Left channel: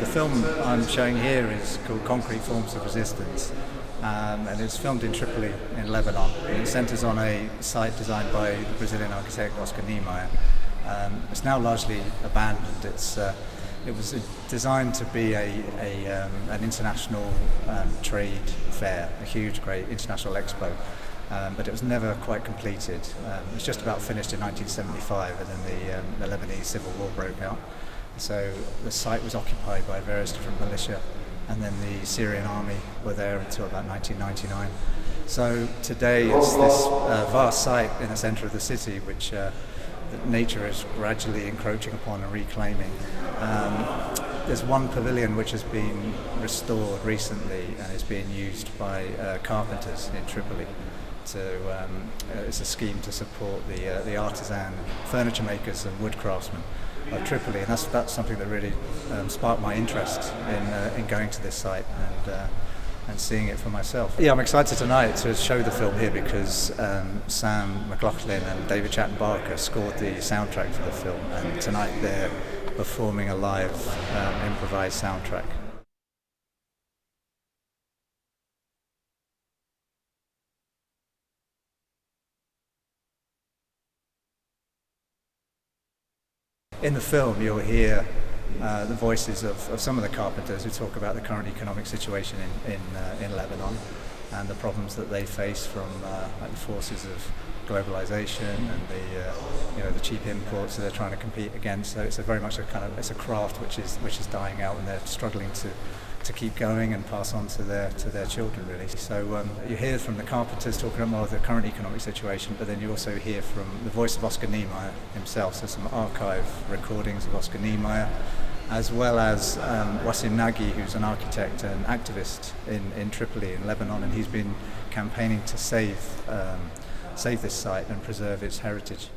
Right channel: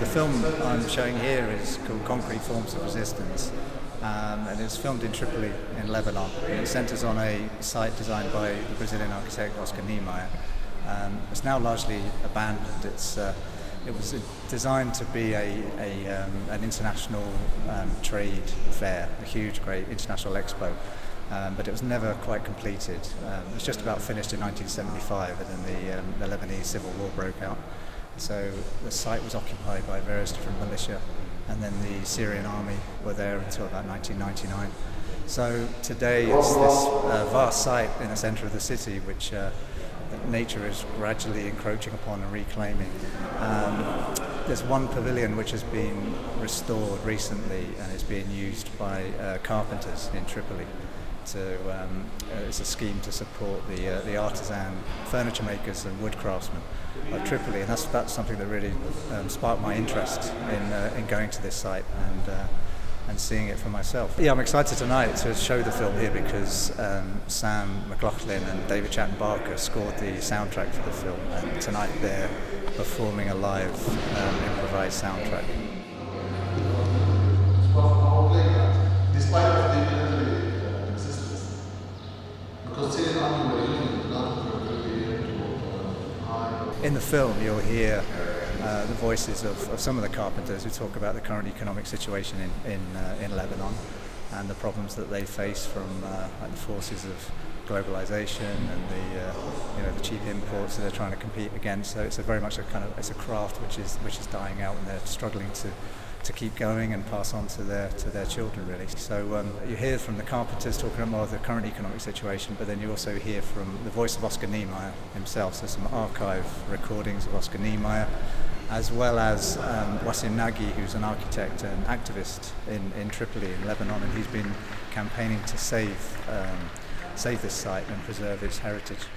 The film I'm showing here is called Concrete Forms of Resistance, and it's filmed in Tripoli in Lebanon. And it centres on a site designed by the Brazilian architect Oscar Niemeyer. It's now largely abandoned. It was designed to be an international trade fair, a huge, great international expo, but it was never quite completed. It was just about finished in 1975, and then the Lebanese civil war broke out. So the site was occupied by various different militia, and then the Syrian army were there until about 1999. So today it's this vast site in the centre of the city, which that nature is gradually encroaching upon and reclaiming. There's one pavilion which has been restored recently and is being used by carpenters in Tripoli. It's a scheme to support the artisan furniture makers and wood craftsmen of Tripoli, and that's something that really sparked my interest in going to this site and seeing it for myself. Yeah, I'm excited tonight to show the film here because Sam McLaughlin and David Chatton Barker scored the soundtrack for the film, and tonight they're performing a live improvised soundtrack. In the film, you'll hear the voices of some of the carpenters who talk about the current economic situation in Lebanon and the problems that they face from the forces of globalization and the cheap imports that they're trying to compete against. So it's very much a craft which is dying out, and they're struggling to keep going and pass on to their children, really. So you hear from the carpenters talking about more of the current economic situation, but then you also hear from the voice of Oscar Niemeyer himself, so some archive recordings of Oscar Niemeyer, as well as Wassim Nagy, who's an architect and activist in Tripoli in Lebanon, and he's been campaigning to save this site and preserve its heritage.